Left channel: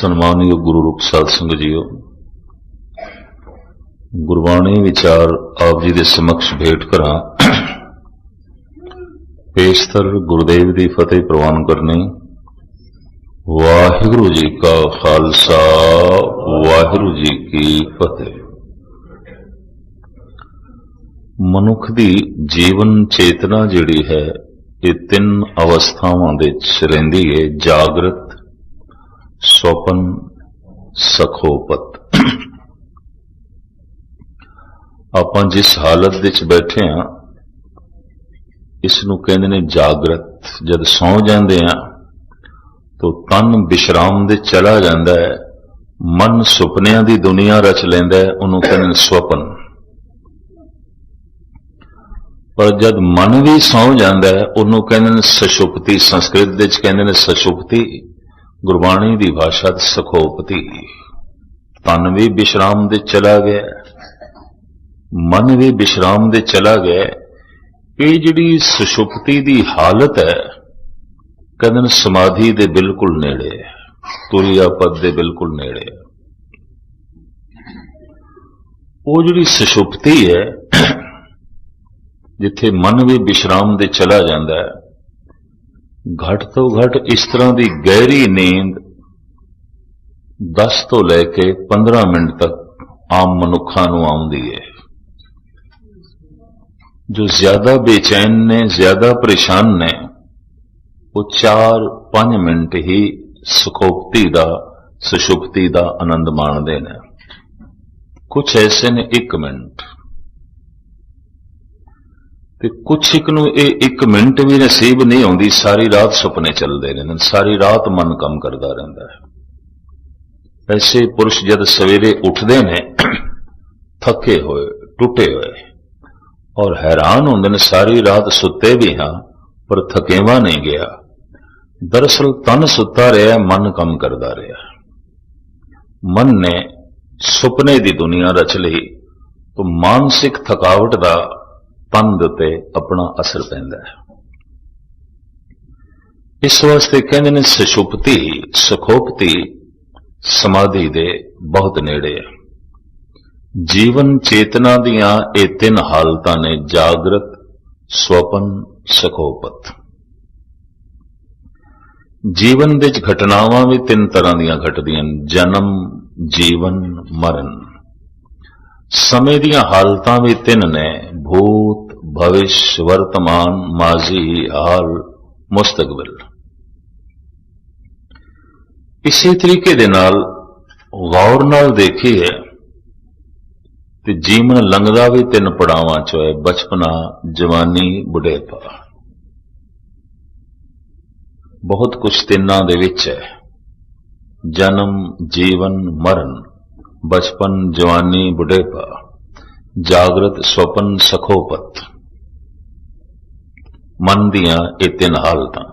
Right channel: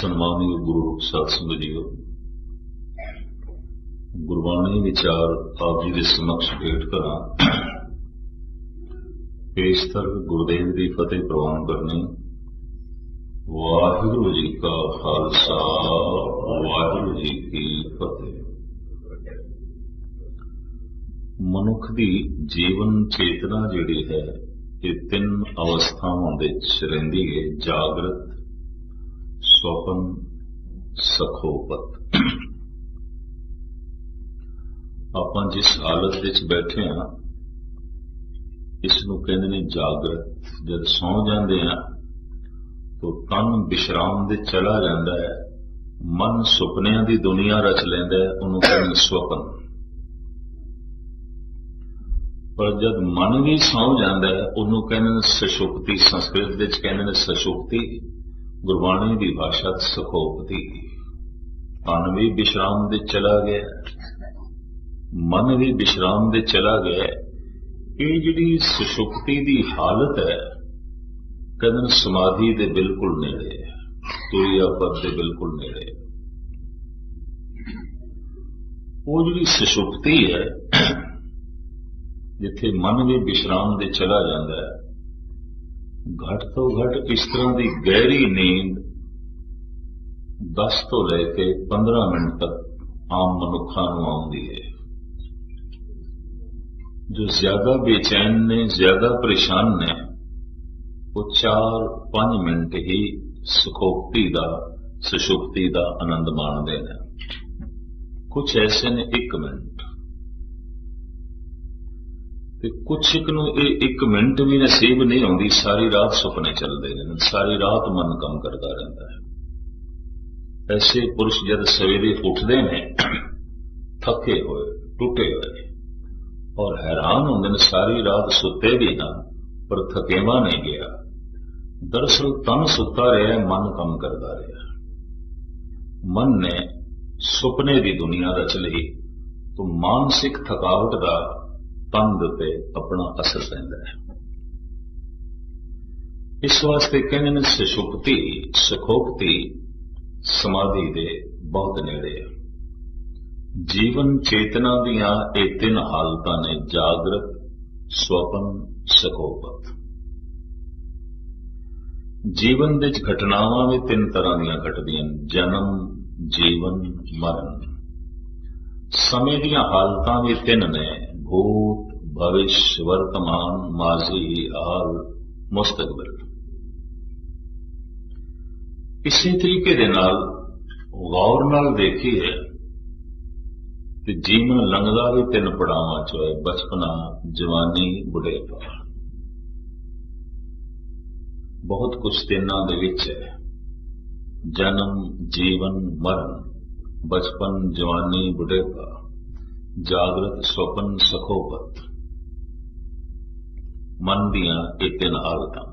सन्मानयोग गुरु रूप साध संगत जीओ, गुरबाणी विचार आप जी के समक्ष भेंट करा। पेशतर गुरुदेव की फतेह प्रवान करनी। वाहिगुरु जी का खालसा, वाहिगुरु जी की फतेह। मनुख की जीवन चेतना जिहड़ी है ये तीन अवस्थावां दे विच रहिंदी है, जागृत, स्वपन, सखोपत। आपां जिस हालत विच बैठे हां इसनूं कहंदे ने जागृत। जद सौ जांदे हां तो तन विश्राम दे चला जांदा है, मन सुपनियां दी दुनिया रच लैंदा है, उहनूं कहंदे ने स्वपन। पर जद मन भी सौ जांदा है उहनूं कहंदे ने सुषुप्ति। संस्कृत विच कहंदे ने सुषुप्ति, गुरबाणी की भाषा सखोपति। तन भी विश्राम दे चला गया, मन भी विश्राम दे चला गया। ये जिहड़ी सुषुप्ति की हालत है कहंदे ने समाधि दे बिल्कुल नेड़े है, तुरिया पद दे बिल्कुल नेड़े है। वो जिहड़ी सुषुप्ति है जिथे मन भी विश्राम दे चला जाता है, घट तो घट इस तरह की गहरी नींद 10 तो लैके 15 मिनट तक आम मनुखा नूं आउंदी है। जो ज्यादा बेचैन ने, ज्यादा परेशान ने, वो 4-5 मिनट ही सुखोप्ति दा, सुषुप्ति दा आनंद माणदे ने। कुछ ऐसे ने 1 मिनट, ते कुछ एक नूं ये 1 मिनट भी नसीब नहीं आउंदी। सारी रात सुपने चलते रहते, सारी रात मन कम करता रहता है। ऐसे पुरुष जद सवेरे उठते हैं थके हुए, टुटे हुए, और हैरान होंदे ने सारी रात सुते भी हाँ पर थकेवा नहीं गया। दरअसल तन सुता रहा, मन कम करता रहा। मन ने सुपने की दुनिया रच ली तो मानसिक थकावट का तन दे अपना असर पैंदा है। इस वास्ते कहंदे ने सुषुप्ति, सुखोप्ति समाधि दे बहुत नेड़े है। जीवन चेतना दियां ये 3 हालतां ने, जागृत, स्वपन, सखोपत। जीवन दे घटनावां भी 3 तरह दियां घटदियां, जन्म, जीवन, मरण। समय दियां हालतां भी 3 ने, भूत, भविष्य, वर्तमान, माजी, हाल, मुस्तकबिल। इसी तरीके दे नाल गौर नाल देखिए ते जीवन लंघदा भी 3 पड़ावां चो है, बचपना, जवानी, बुढ़ेपा। बहुत कुछ तिन्नां दे विच है, जन्म, जीवन, मरण, बचपन, जवानी, बुढ़ेपा, जागृत, स्वपन, सखोपत। मन दियां ये 3 हालतां।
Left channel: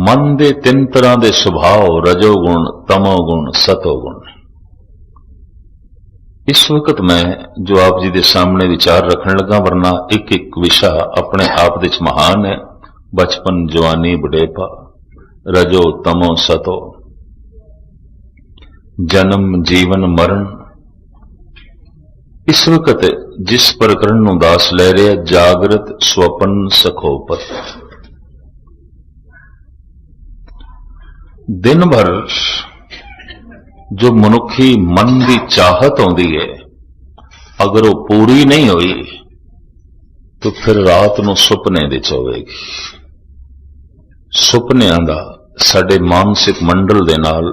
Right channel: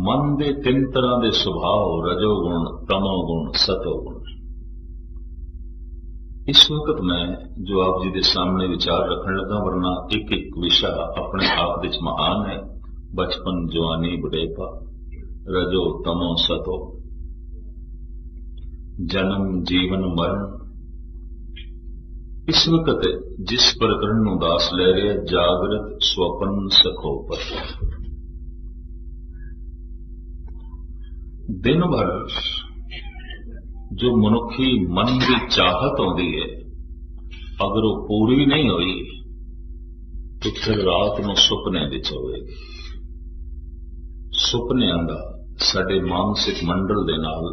मन दे 3 तरह के सुभाव, रजोगुण, तमोगुण, सतोगुण। इस वक्त मैं जो आप जी के सामने विचार रखने लगा, वरना एक एक विषय अपने आप विच महान है। बचपन, जवानी, बुढ़ेपा, रजो, तमो, सतो, जन्म, जीवन, मरण। इस वक्त जिस प्रकरण नूं दास ले रहे, जागृत, स्वपन, सखोपत। दिन भर जो मनुखी मन की चाहत आउंदी है, अगर वो पूरी नहीं हुई तो फिर रात नूं सुपने दे होवेगी। सुपनियां दा साडे मानसिक मंडल दे नाल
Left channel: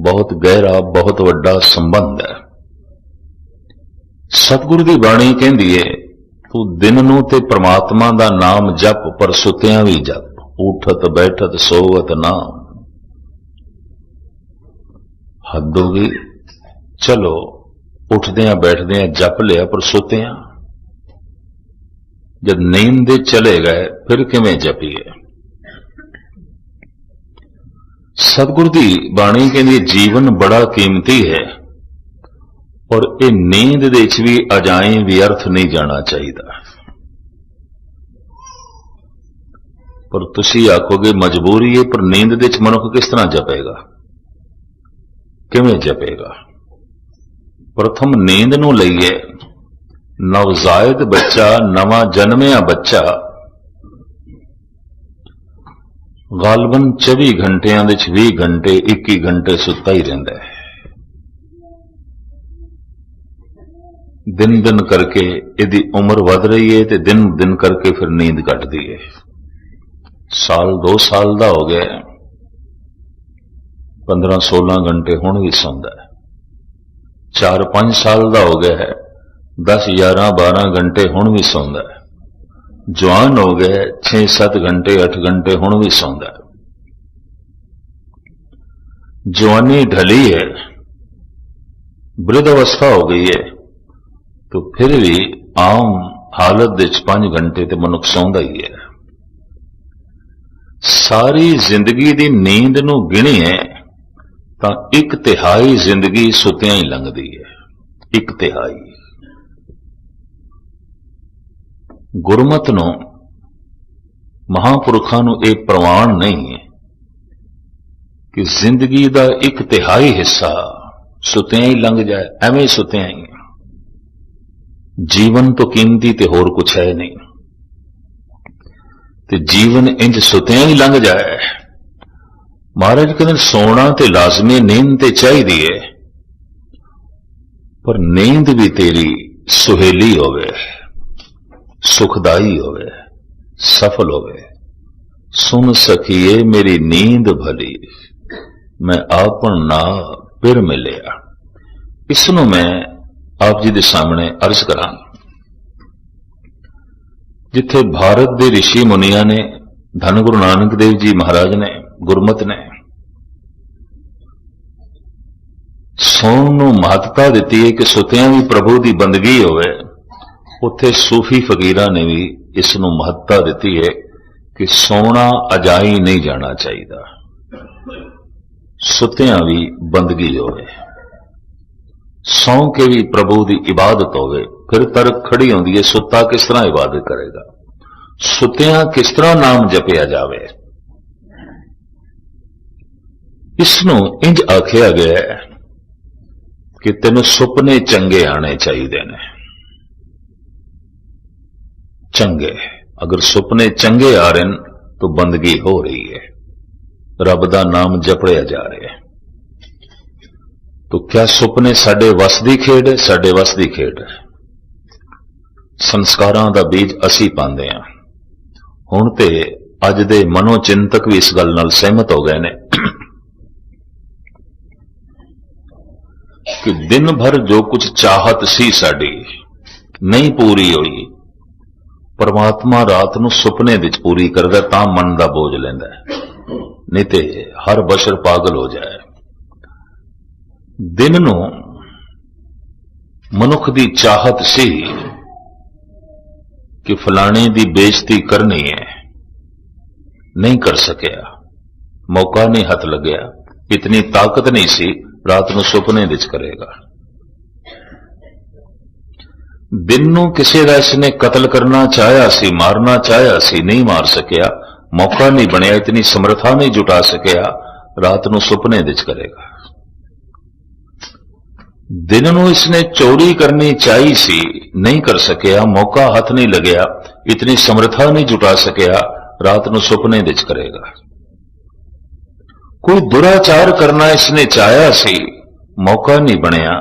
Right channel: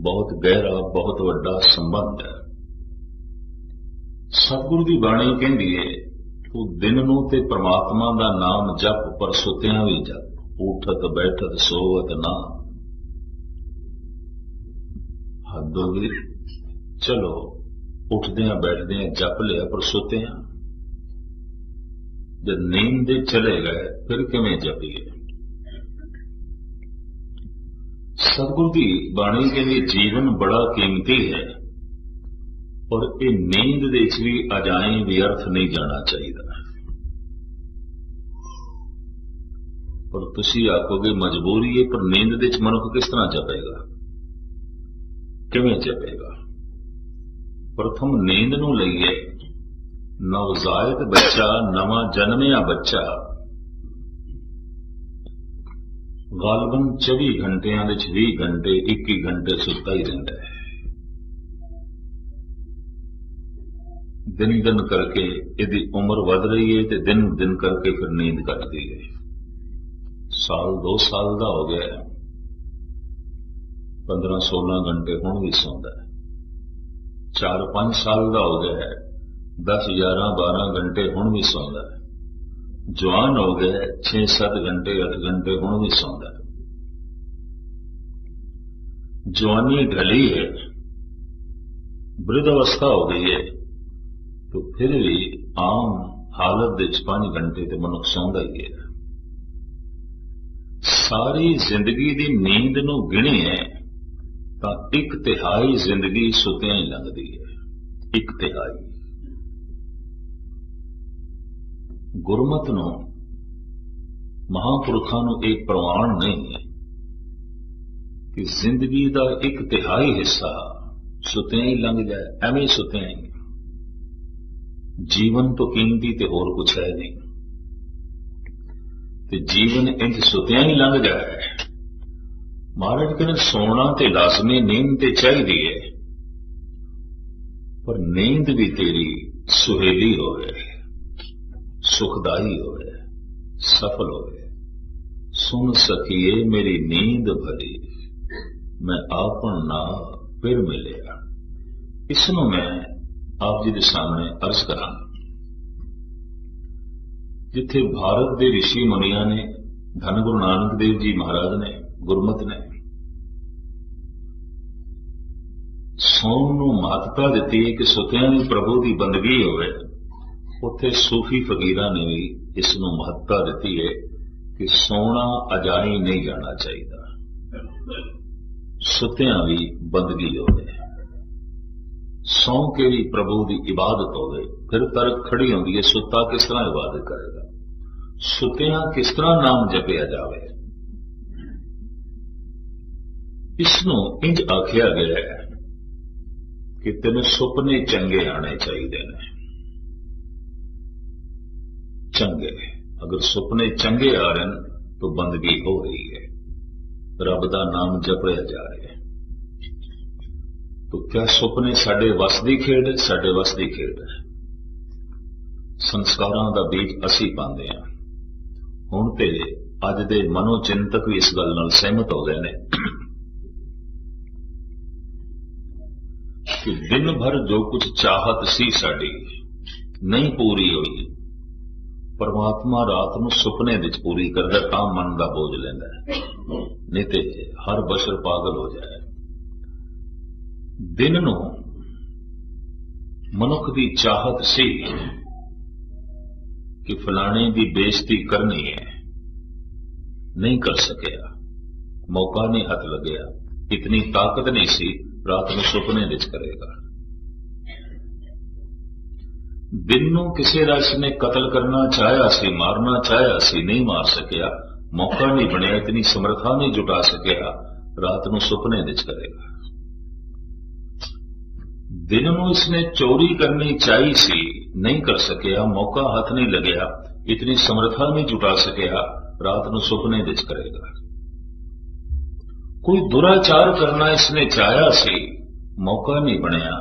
बहुत गहरा, बहुत वड्डा संबंध है। सतगुरु की बाणी कहंदी है, तू दिन नूं ते परमात्मा दा नाम जप, पर सुतियां भी जप। उठत बैठत सोवत नाम। हद हो गई। चलो उठदियां बैठदियां जप लिया, पर सुतियां जब नींद दे चले गए फिर किवें जपीए। सतगुरु की बाणी कहंदी जीवन बड़ा कीमती है और ये नींद दे विच भी अजाएं व्यर्थ नहीं जाना चाहिए। पर तुसी आखोगे मजबूरी है, पर नींद दे विच मनुख किस तरह जपेगा? किवें जपेगा? प्रथम नींद नूं लईए। नवजायद बच्चा, नवा जन्मिया बच्चा गालबन 24 घंटियां दे 20 घंटे 21 घंटे सुत्ता ही रहिंदा है। दिन दिन करके इहदी उम्र वध रही है ते दिन दिन करके फिर नींद घटदी है। साल 2 साल दा हो गया, 15-16 घंटे हुण भी सौंदा है। 4-5 साल दा हो गया है, 10-11-12 घंटे हुण भी सौंदा है। जवान हो गए, 6-7 घंटे 8 घंटे हुण भी सौंदा है। जवानी ढली है, वृद्ध अवस्था हो गई है, तो फिर भी आम हालत दे 5 घंटे तो मनुख सौंदा ही है। सारी जिंदगी दी नींद नूं गिणीए तां 1/3 जिंदगी सुत्तियां ही लंघदी है। 1/3 गुरमत नूं, महापुरखां नूं इह प्रवान नहीं है कि जिंदगी दा 1/3 हिस्सा सुत्तियां ही लंघ जाए। एवें सुत्तियां ही। जीवन तो कीमती ते होर कुछ है नहीं, ते जीवन इंज सुत्तियां ही लंघ जाए। महाराज कहते सोना ते लाजमी, नींद ते चाहिदी है, पर नींद भी तेरी सुहेली होवे, सुखदाई होवे, सफल होवे। सुन सखिए मेरी नींद भली, मैं आपन ना फिर मिलिया। इसनों मैं आप जी दे सामने अर्ज करा। जिथे भारत दे ऋषि मुनिया ने, धन गुरु नानक देव जी महाराज ने, गुरमत ने सौन नूं महत्ता दिती है कि सुत्तियां भी प्रभु की बंदगी होवे, उत्थे सूफी फकीरां ने भी इस नूं महत्ता दिती है कि सोना अजाई नहीं जाना चाहिए, सुत्तियां भी बंदगी होवे। सौ के भी प्रभु की इबादत होवे। फिर तर्क खड़ी होंदी है, सुत्ता किस तरह इबादत करेगा, सुत्तियां किस तरह नाम जपिया जावे। इसनों इंज आखिया गया है कि तेन सुपने चंगे आने चाहिए ने। चंगे, अगर सुपने चंगे आ रहे हैं तो बंदगी हो रही है, रब दा नाम जपड़िया जा रहा है। तो क्या सुपने साडे वस दी खेड है? साडे वस दी खेड है। संस्कारां दा बीज असी पांदे हां। हुण ते अज दे मनोचिंतक भी इस गल नाल सहमत हो गए ने कि दिन भर जो कुछ चाहत सी साडी नहीं पूरी हुई, परमात्मा रात नूं सुपने विच पूरी करदा, तां मन दा बोझ लैंदा है। नहीं ते हर बशर पागल हो जाए। दिन नूं मनुख दी चाहत सी कि फलाने दी बेइज्जती करनी है, नहीं कर सकिया, मौका नहीं हथ लग्या, इतनी ताकत नहीं सी, रात नूं सुपने विच करेगा। दिन नूं किसी दा इसने कतल करना चाहया सी, मारना चाहया सी, नहीं मार सकिया, मौका नहीं बनिया, इतनी समर्था नहीं जुटा सकिया, रात नूं सुपने विच करेगा। दिन नूं इसने चोरी करनी चाहिए सी, नहीं कर सकिया, मौका हाथ नहीं लगया, इतनी समर्था नहीं जुटा सकिया, रात नूं सुपने विच करेगा। कोई दुराचार करना इसने चाहया सी, मौका नहीं बनया,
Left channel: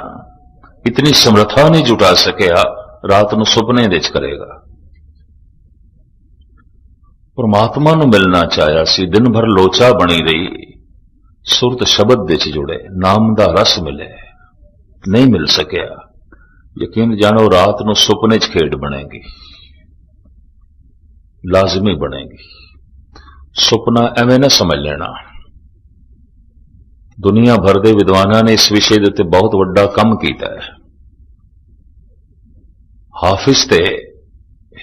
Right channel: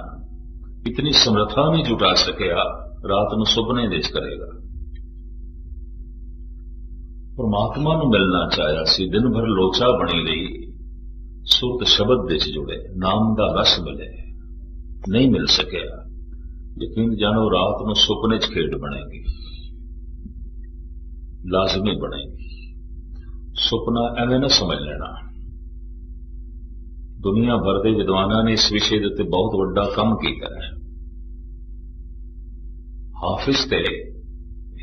इतनी समर्था नहीं जुटा सकिया, रात नूं सुपने विच करेगा। परमात्मा नूं मिलना चाहया सी, दिन भर लोचा बनी रही, सुरत शब्द विच जुड़े, नाम दा रस मिले, नहीं मिल सकिया। यकीन जानो रात नूं सुपने च खेड बनेगी, लाजमी बनेगी। सुपना एवें ना समझ लेना। दुनिया भर के विद्वानां ने इस विषय के उत्ते बहुत वड्डा काम किया है। हाफिज ते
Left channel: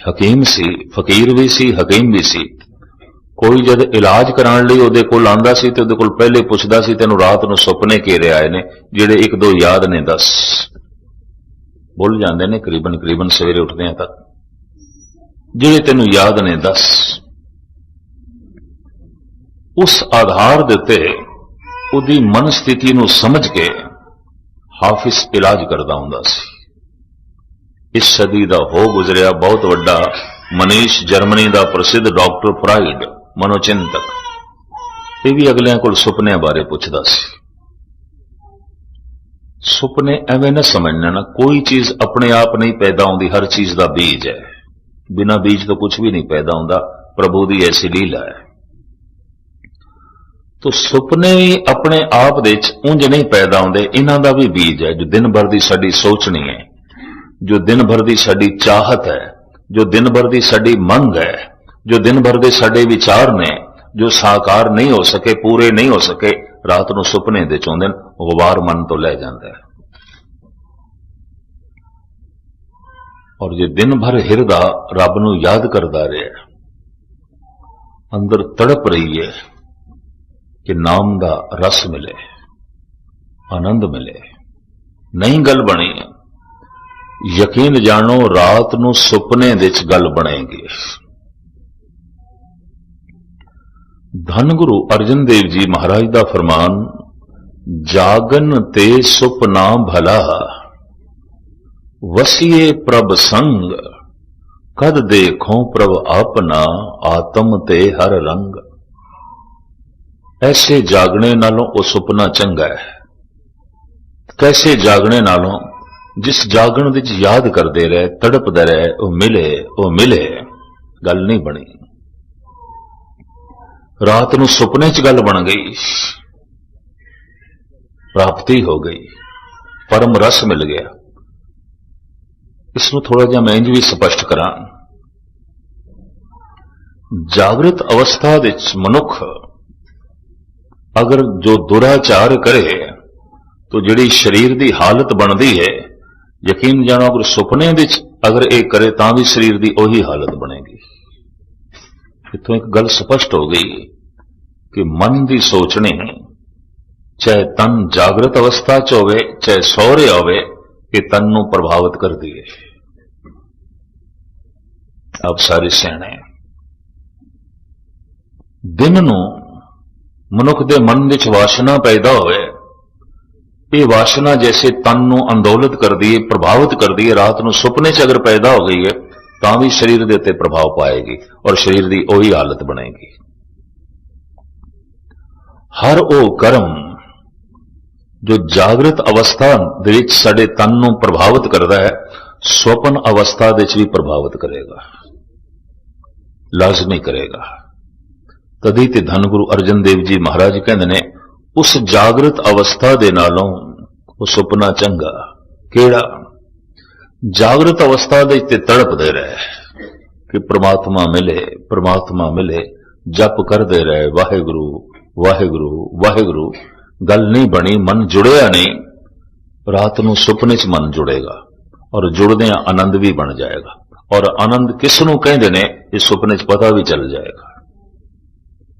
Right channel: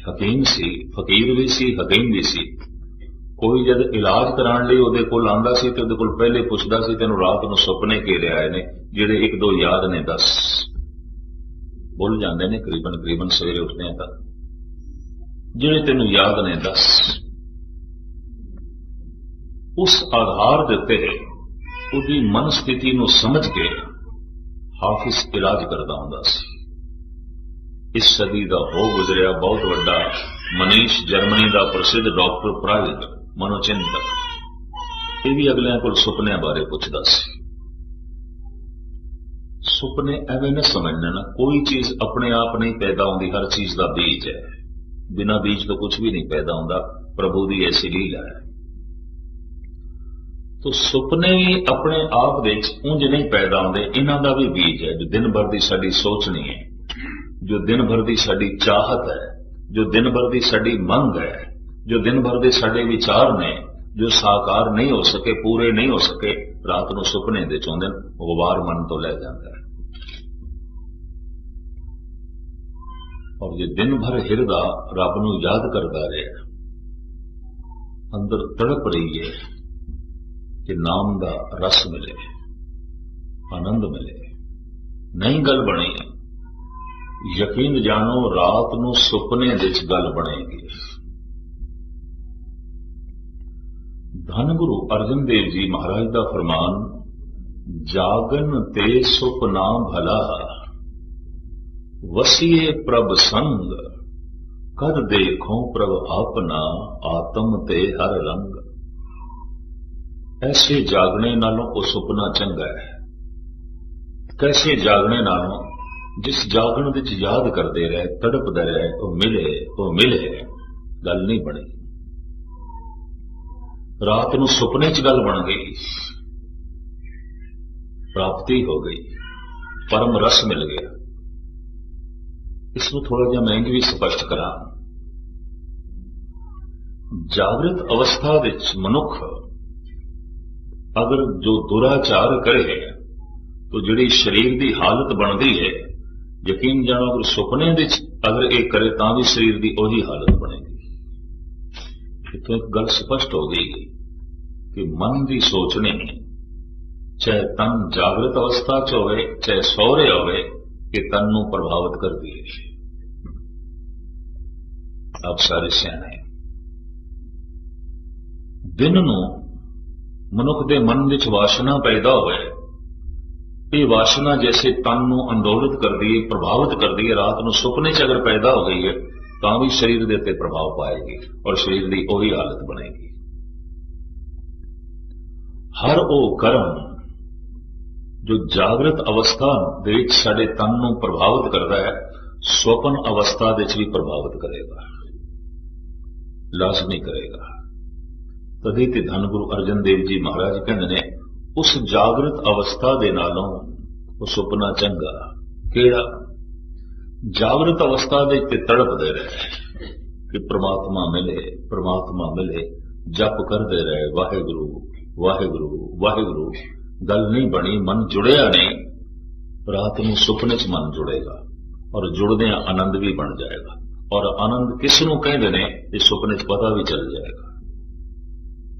हकीम सी, फकीर भी सी, हकीम भी सी। कोई जद इलाज कराने लिए उहदे कोल आंदा सी ते उहदे कोल पहले पुछदा सी, तैनूं रात नूं सुपने घेरे आए ने, जिहड़े 1-2 याद ने दस। भुल जांदे ने करीबन सवेरे उठदे तक, जिहड़े तैनूं याद ने दस। उस आधार दे उत्ते ਉਹਦੀ ਮਨ ਸਥਿਤੀ ਨੂੰ ਸਮਝ ਕੇ ਹਾਫਿਜ਼ ਇਲਾਜ ਕਰਦਾ ਹੁੰਦਾ ਸੀ। ਇਸ ਸਦੀ ਦਾ ਹੋ ਗੁਜ਼ਰਿਆ ਬਹੁਤ ਵੱਡਾ ਮਨੀਸ਼, ਜਰਮਨੀ ਦਾ ਪ੍ਰਸਿੱਧ ਡਾਕਟਰ ਫਰਾਇਡ, ਮਨੋਚਿੰਤਕ, ਇਹ ਵੀ ਅਗਲਿਆਂ ਕੋਲ ਸੁਪਨਿਆਂ ਬਾਰੇ ਪੁੱਛਦਾ ਸੀ। ਸੁਪਨੇ ਐਵੇਂ ਨਾ ਸਮਝਣਾ ਨਾ, ਕੋਈ ਚੀਜ਼ ਆਪਣੇ ਆਪ ਨਹੀਂ ਪੈਦਾ ਹੁੰਦੀ, ਹਰ ਚੀਜ਼ ਦਾ ਬੀਜ ਹੈ। ਬਿਨਾਂ ਬੀਜ ਤੋਂ ਕੁਝ ਵੀ ਨਹੀਂ ਪੈਦਾ ਹੁੰਦਾ, ਪ੍ਰਭੂ ਦੀ ਐਸੀ ਲੀਲਾ ਹੈ। ਤੋ ਸੁਪਨੇ ਵੀ ਆਪਣੇ ਆਪ ਦੇ ਵਿੱਚ ਉਂਝ ਨਹੀਂ ਪੈਦਾ ਹੁੰਦੇ, ਇਹਨਾਂ ਦਾ ਵੀ ਬੀਜ ਹੈ। ਜੋ ਦਿਨ ਭਰ ਦੀ ਸਾਡੀ ਸੋਚਣੀ ਹੈ, ਜੋ ਦਿਨ ਭਰ ਦੀ ਸਾਡੀ ਚਾਹਤ ਹੈ, ਜੋ ਦਿਨ ਭਰ ਦੀ ਸਾਡੀ ਮੰਗ ਹੈ, ਜੋ ਦਿਨ ਭਰ ਦੇ ਸਾਡੇ ਵਿਚਾਰ ਨੇ, ਜੋ ਸਾਕਾਰ ਨਹੀਂ ਹੋ ਸਕੇ, ਪੂਰੇ ਨਹੀਂ ਹੋ ਸਕੇ, ਰਾਤ ਨੂੰ ਸੁਪਨੇ ਦੇ ਚੋਂਦੇ ਗੁਬਾਰ ਮਨ ਤੋਂ ਲੈ ਜਾਂਦਾ ਹੈ। ਔਰ ਜੇ ਦਿਨ ਭਰ ਹਿਰਦਾ ਰੱਬ ਨੂੰ ਯਾਦ ਕਰਦਾ ਰਿਹਾ, ਅੰਦਰ ਤੜਪ ਰਹੀ ਹੈ ਕਿ ਨਾਮ ਦਾ ਰਸ ਮਿਲੇ, ਆਨੰਦ ਮਿਲੇ, ਨਹੀਂ ਗੱਲ ਬਣੀ, ਯਕੀਨ ਜਾਣੋ ਰਾਤ ਨੂੰ ਸੁਪਨੇ ਦੇ ਵਿੱਚ ਗੱਲ ਬਣੇਗੀ। ਧੰਨ ਗੁਰੂ ਅਰਜਨ ਦੇਵ ਜੀ ਮਹਾਰਾਜ ਦਾ ਫਰਮਾਨ, ਜਾਗਨ ਤੇ ਸੁਪਨਾ ਭਲਾ, ਵਸੀਏ ਪ੍ਰਭ ਸੰਗ, ਕਦ ਦੇਖੋ ਪ੍ਰਭ ਆਪਣਾ, ਆਤਮ ਤੇ ਹਰ ਰੰਗ। ਐਸੇ ਜਾਗਣੇ ਨਾਲੋਂ ਉਹ ਸੁਪਨਾ ਚੰਗਾ ਹੈ। ਕੈਸੇ ਜਾਗਣੇ ਨਾਲੋਂ? ਜਿਸ ਜਾਗਣ ਵਿੱਚ ਯਾਦ ਕਰਦੇ ਰਹੇ, ਤੜਪਦੇ ਰਹੇ, ਉਹ ਮਿਲੇ, ਗੱਲ ਨਹੀਂ ਬਣੀ। ਰਾਤ ਨੂੰ ਸੁਪਨੇ 'ਚ ਗੱਲ ਬਣ ਗਈ, ਪ੍ਰਾਪਤੀ ਹੋ ਗਈ, ਪਰਮ ਰਸ ਮਿਲ ਗਿਆ। ਇਸ ਨੂੰ ਥੋੜਾ ਜਿਹਾ ਮੈਂ ਇੰਜ ਵੀ ਸਪਸ਼ਟ ਕਰਾਂ। ਜਾਗਰਤ ਅਵਸਥਾ ਵਿੱਚ ਮਨੁੱਖ ਅਗਰ ਜੋ ਦੁਰਾਚਾਰ ਕਰੇ ਤਾਂ ਜਿਹੜੀ ਸਰੀਰ ਦੀ ਹਾਲਤ ਬਣਦੀ ਹੈ, ਯਕੀਨ ਜਾਣੋ ਅਗਰ ਸੁਪਨੇ ਵਿੱਚ ਅਗਰ ਇਹ ਕਰੇ ਤਾਂ ਵੀ ਸਰੀਰ ਦੀ ਉਹੀ ਹਾਲਤ ਬਣੇਗੀ। ਇੱਥੋਂ ਇੱਕ ਗੱਲ ਸਪਸ਼ਟ ਹੋ ਗਈ ਕਿ ਮਨ ਦੀ ਸੋਚਣੀ, ਚਾਹੇ ਤਨ ਜਾਗਰਤ ਅਵਸਥਾ 'ਚ ਹੋਵੇ, ਚਾਹੇ ਸੌ ਰਿਹਾ ਹੋਵੇ, ਇਹ ਤਨ ਨੂੰ ਪ੍ਰਭਾਵਿਤ ਕਰਦੀ ਹੈ। ਆਪ ਸਾਰੇ ਸਿਆਣੇ, ਦਿਨ ਨੂੰ ਮਨੁੱਖ ਦੇ ਮਨ ਵਿੱਚ ਵਾਸ਼ਨਾ ਪੈਦਾ ਹੋਵੇ, ਇਹ ਵਾਸ਼ਨਾ ਜੈਸੇ ਤਨ ਨੂੰ ਅੰਦੋਲਿਤ ਕਰਦੀ ਹੈ, ਪ੍ਰਭਾਵਿਤ ਕਰਦੀ ਹੈ, ਰਾਤ ਨੂੰ ਸੁਪਨੇ 'ਚ ਅਗਰ ਪੈਦਾ ਹੋ ਗਈ ਹੈ ਤਾਂ ਵੀ ਸਰੀਰ ਦੇ ਉੱਤੇ ਪ੍ਰਭਾਵ ਪਾਏਗੀ ਔਰ ਸਰੀਰ ਦੀ ਉਹੀ ਹਾਲਤ ਬਣੇਗੀ। ਹਰ ਉਹ ਕਰਮ ਜੋ ਜਾਗਰਤ ਅਵਸਥਾ ਦੇ ਵਿੱਚ ਸਾਡੇ ਤਨ ਨੂੰ ਪ੍ਰਭਾਵਿਤ ਕਰਦਾ ਹੈ, ਸੁਪਨ ਅਵਸਥਾ ਦੇ ਵਿੱਚ ਵੀ ਪ੍ਰਭਾਵਿਤ ਕਰੇਗਾ, ਲਾਜ਼ਮੀ ਕਰੇਗਾ। ਤਦੀ ਤੇ ਧੰਨ ਗੁਰੂ ਅਰਜਨ ਦੇਵ ਜੀ ਮਹਾਰਾਜ ਕਹਿੰਦੇ ਨੇ, ਉਸ ਜਾਗਰਤ ਅਵਸਥਾ ਦੇ ਨਾਲੋਂ ਉਹ ਸੁਪਨਾ ਚੰਗਾ। ਕਿਹੜਾ? ਜਾਗਰਤ ਅਵਸਥਾ ਦੇ ਤੇ ਤੜਪਦੇ ਰਹੇ ਕਿ ਪ੍ਰਮਾਤਮਾ ਮਿਲੇ, ਪ੍ਰਮਾਤਮਾ ਮਿਲੇ, ਜਪ ਕਰਦੇ ਰਹੇ, ਵਾਹਿਗੁਰੂ ਵਾਹਿਗੁਰੂ ਵਾਹਿਗੁਰੂ, ਗੱਲ ਨਹੀਂ ਬਣੀ, ਮਨ ਜੁੜਿਆ ਨਹੀਂ। ਰਾਤ ਨੂੰ ਸੁਪਨੇ 'ਚ ਮਨ ਜੁੜੇਗਾ ਔਰ ਜੁੜਦਿਆਂ ਆਨੰਦ ਵੀ ਬਣ ਜਾਏਗਾ। ਔਰ ਆਨੰਦ ਕਿਸ ਨੂੰ ਕਹਿੰਦੇ ਨੇ, ਇਹ ਸੁਪਨੇ 'ਚ ਪਤਾ ਵੀ ਚੱਲ ਜਾਏਗਾ।